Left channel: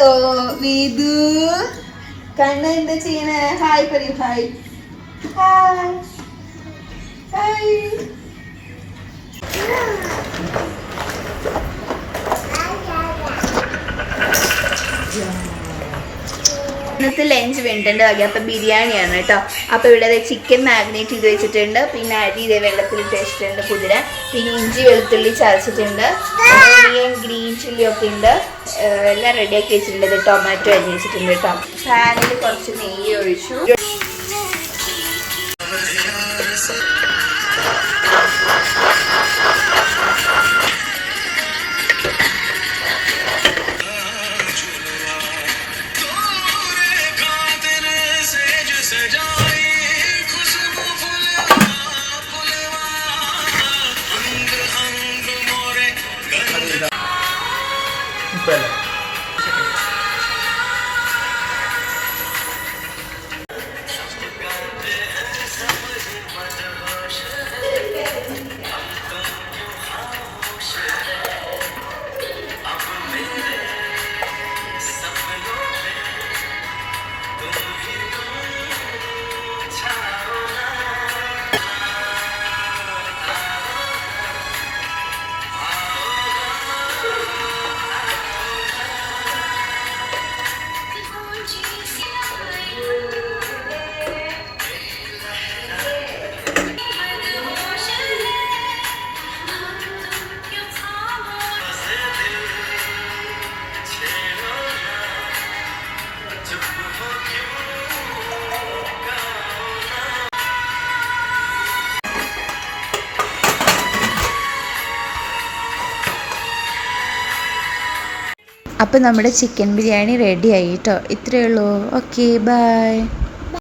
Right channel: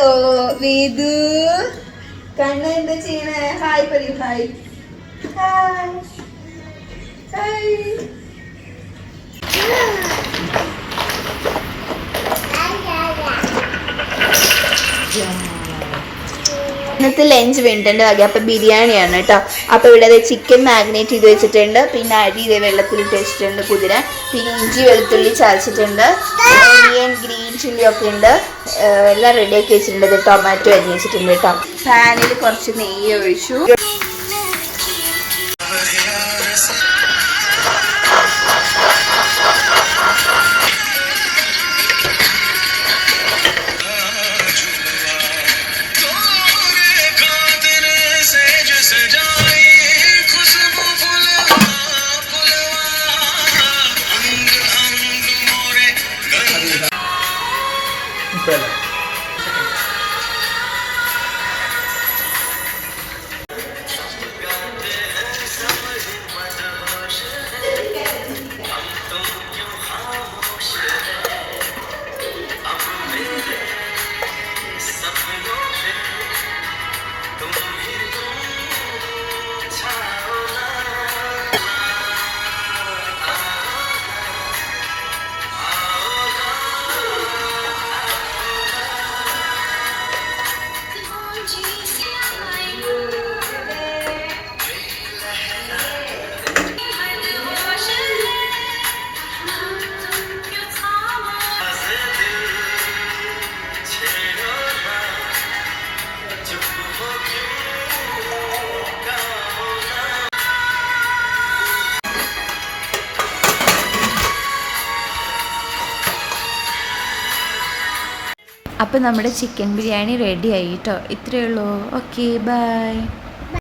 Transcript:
ഹലോ വേദു, കണ്ണ എന്താ ചെയ്യണേ? ഹായ് പറയൂ. Hi hi hi. ഇന്നത്തെ ലഞ്ച് വേണ്ടിട്ടുണ്ട് വകെ. അപ്പം ബിരിയാണിയാണ് കേട്ടോ. അപ്പോൾ ഇവിടെ ചിക്കൻ മാഗ്നേറ്റ് ചെയ്ത് വെച്ചിട്ടുണ്ട്. പിന്നെ അരി ഇതേ വെള്ളത്തിലിട്ട് വെച്ചിട്ടുണ്ട് കുതിര. പിന്നെ ഇഞ്ചി വെളുത്തുള്ളി ചതച്ചിട്ടുണ്ട്. ഗ്രീൻ ചില്ലി ഒക്കെ ഉണ്ട്. എല്ലാം റെഡിയാക്കി വെച്ചിട്ടുണ്ട്. ടൊമാറ്റോ അരിഞ്ഞ് വെച്ചിട്ടുണ്ട് കേട്ടോ. പാനിൽ കുറച്ച് നെയ്യ് ഒഴിച്ചു. അപ്പോൾ നമ്മുടെ ചിക്കൻ ബിരിയാണി റെഡി ആയി കേട്ടോ. ഇത്രയേ ഉള്ളൂ. Okay bye.